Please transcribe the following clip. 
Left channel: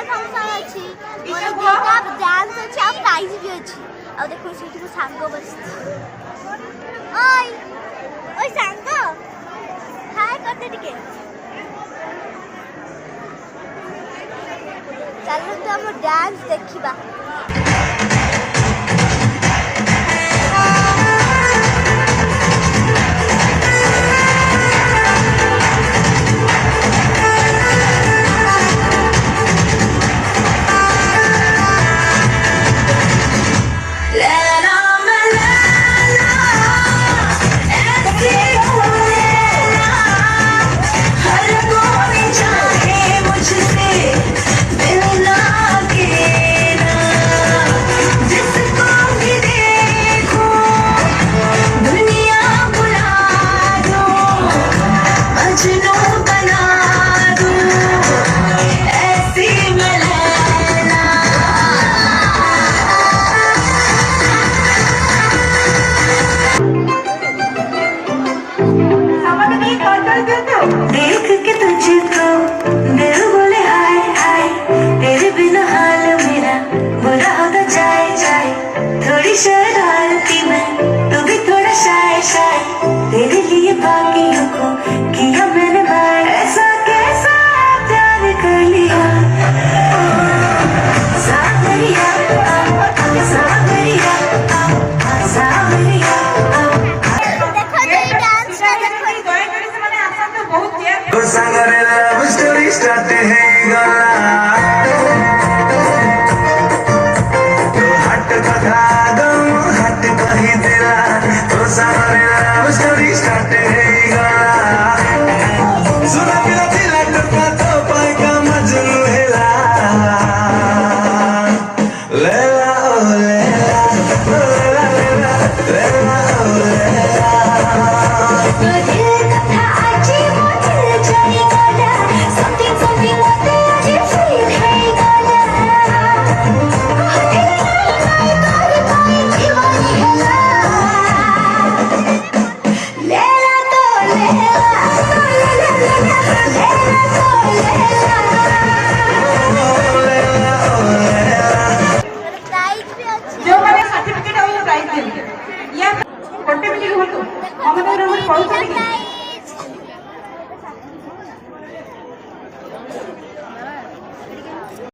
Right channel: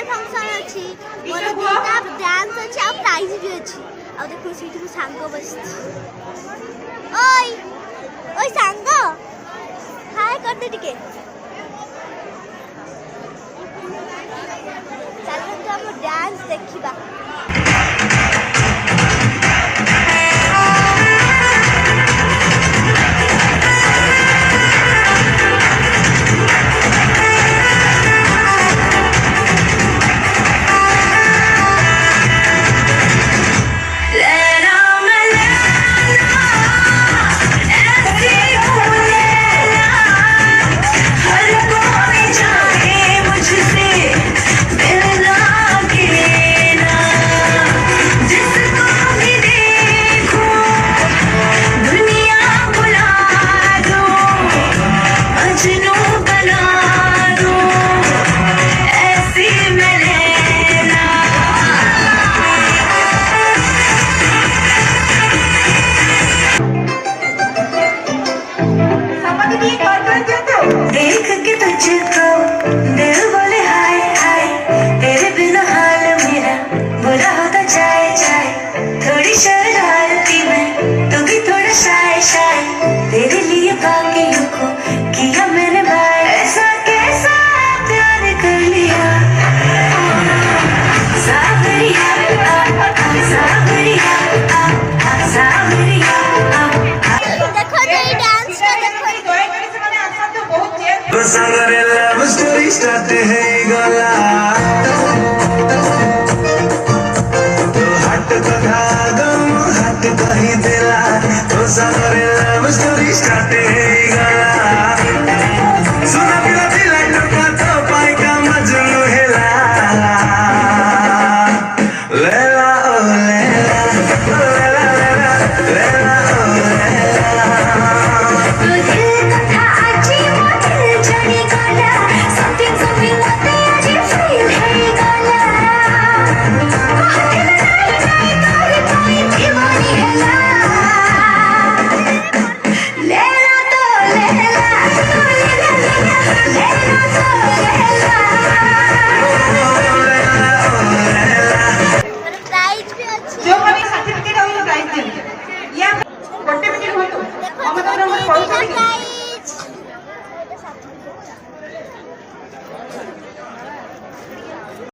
annual function अच्छी मोर दीटा dance अच्छी आ prize भी अच्छी आ देखो सीट को सांग बस ओय ओय सांग हाय करते टिके चलो तो हम डांस देखिबा Started